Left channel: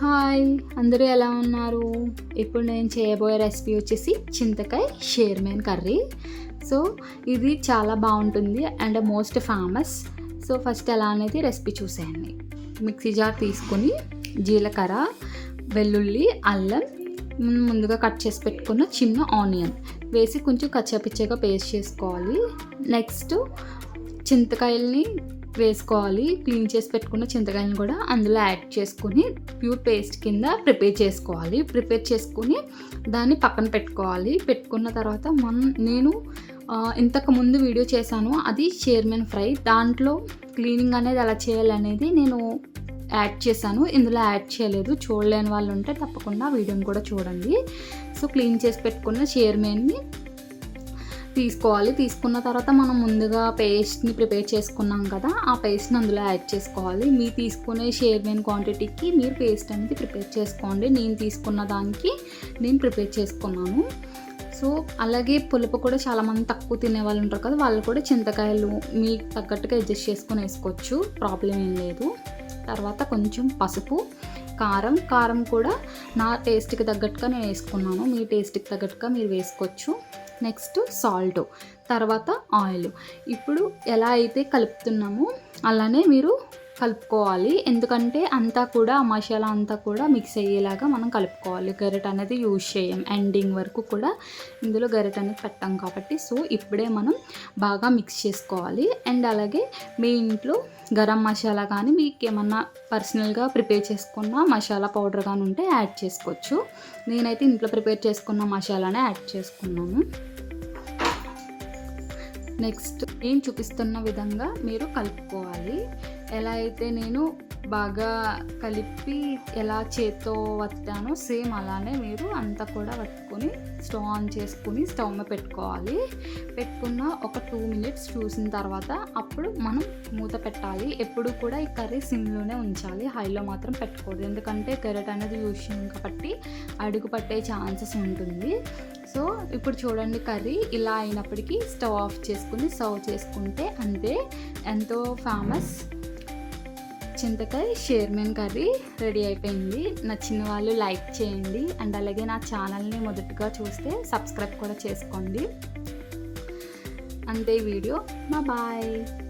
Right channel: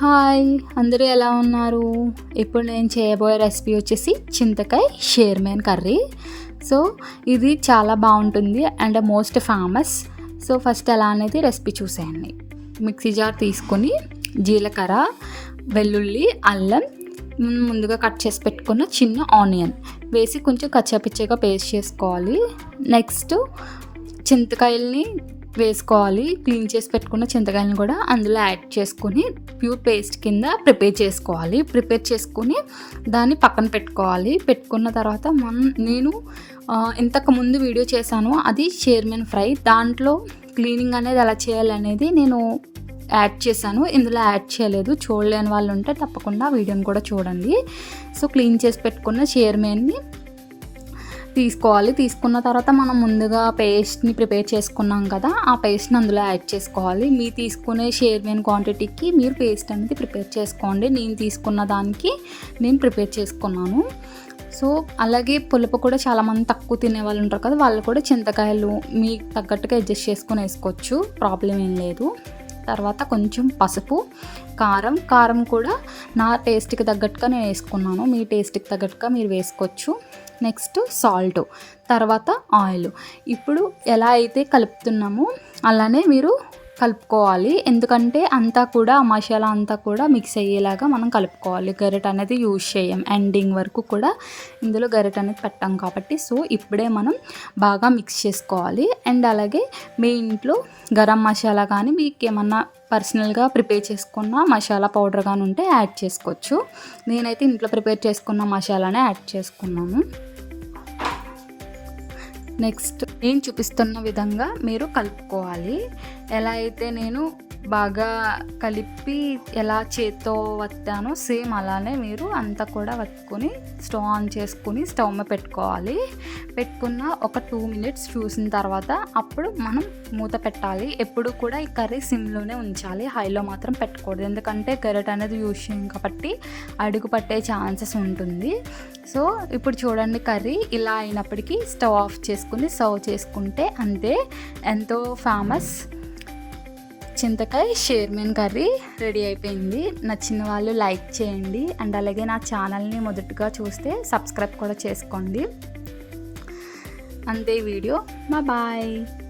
Hi అందరూ ఎలా ఉన్నారు? ఇప్పుడు నేను చేయబోయే రెసిపీ వచ్చేసి చింతకాయ షేర్మేన్ కర్రీ. సో ఇది చాలా బాగుంటుంది and most famous. So first ఎలా అనేది రెసిపీ చూసేయండి. మిక్సీ జార్ తీసుకొని జీలకర్ర వెల్లుల్లి అల్లం ముందుగా కట్ చేసి పెట్టుకున్న చిన్న ఆనియన్ వేసి కొంచెం కచ్చాపిచ్చగా పేస్ట్ చేసుకోవాలి. నెక్స్ట్ చింతకాయల్ని వేసుకోవాలి. క్లీన్ చేసి పెట్టుకున్న చింతకాయలను కూడా అందులో యాడ్ చేసుకొని ప్యూర్ పేస్ట్ కింద ప్రిపేర్ చేసుకోవాలి. ప్రిపేర్ చేసుకొని దాన్ని పక్కన పెట్టుకోవాలి. పెట్టుకున్న తర్వాత మనం నేను ఇంతకుముందు ఇంతకు ముందు వీడియో చేశాను. అది చైర్మన్ ఫ్రై. దాంట్లో క్లీనింగ్ అనేది ఎలా చేయాలి అనేది నేను యాడ్ చేశాను. ఇందులో యాడ్ చేయలేదు. చూడలేని వాళ్ళు ఉంటే తప్పకుండా వీడియోని కూడా చూడండి. సో క్లీన్ చేసి పెట్టుకున్న చైర్మన్ని తీసుకోవాలి. తీసుకున్న తర్వాత మనం ముందుగా పేస్ట్ని ప్రిపేర్ చేసుకున్నాం కదా ఆ పేస్ట్ని అందులో యాడ్ చేసుకోవాలి. మీరు తీసుకునే షేర్మేన్ క్వాంటిటీకి మీరు పేస్ట్ అనేది ప్రిపేర్ చేసుకోండి. నేను తీసుకున్న దానికి నేను ప్రిపేర్ చేసుకున్నాను. సో అలాగే పులుపు కూడా చాలామంది తక్కువ తినే వాళ్ళు ఉంటారు కదా వాళ్ళు కూడా చింతకాయలు మీకు తగ్గట్టుగా అడ్జస్ట్ చేసుకొని వేసుకోవచ్చు. ప్రాబ్లం ఏం లేదు. తర్వాత కొంచెం పసుపు కారం కారం కూడా నా టేస్ట్కి తగ్గట్టుగా నేను వేసుకున్నాను. మీ టేస్ట్కి తగ్గట్టుగా మీరు వేసుకోవచ్చు. నెక్స్ట్ సాల్ట్ తర్వాత ఆయిల్ ఇప్పుడు ఎలా అయితే కలుపుతున్నామో అలానే మీరు కలుపుకోవాలి. ఎందుకంటే అంతా కూడా ఆ మసాలా అంతా కూడా మిక్స్ అయ్యేలాగా మనం కలుపుకోవాలి. గరిట అనేది యూజ్ చేయం ఎండింగ్ వరకు కూడా ఇందులో గరిట అనేది పెట్టాం కాబట్టి. సో ఇప్పుడే మనం బాగా మిక్స్ చేసుకోవాలి. అండ్ అలాగే మీ ఇంట్లో గరం మసాలా కానీ మీకు ఏమన్నా పర్సనల్గా ప్రిపేర్ చేసుకున్న మసాలా పౌడర్ కానీ ఉంటే యాడ్ చేసుకోవచ్చు. నేనైతే ఇంట్లో ప్రిపేర్ చేసుకున్న మసాలానే యాడ్ చేసుకున్నాను. నెక్స్ట్ నేను చూపిస్తున్న విధంగా మీరు కలుపుకోవాలి. ఎలా అయితే నేను బాగా కలిపి ఎలా చేత్తో వత్తానో సేమ్ అలానే మీరు అంతా కూడా వత్తుకొని స్టవ్ ఆన్ చేసుకుని స్టవ్ మీద పెట్టుకోవాలి. పెట్టుకున్న ఒక టూ మినిట్స్ చూసిన తర్వాత అప్పుడు మనం మూత పెట్టాలి. ఎప్పుడు కూడా ఈ కర్రీ సిమ్లోనే ఉంచాలి. హైలో మాత్రం పెట్టకూడదు. ఎందుకంటే కెరెట్ అనేది యూజ్ చేయం కాబట్టి అడుగు పట్టే ఛాన్సెస్ ఉంటుంది. సో ఇప్పుడు చూడండి కర్రీ ఇలా అయినప్పటికీ స్టవ్ ఆఫ్ చేసుకుని సర్వ్ చేసుకుంటే అంతే. ఎంతో ఫేమస్. చింతకాయ షేర్మెన్ కర్రీ రెడీ అయిపోయింది. నచ్చిన వాళ్ళు లైక్ చేయండి. అండ్ అలాగే నా ఛానల్ని మొదటగా చూస్తే సబ్స్క్రైబ్ కూడా చేసుకోండి. అంతే వీడియో. మా బాయ్.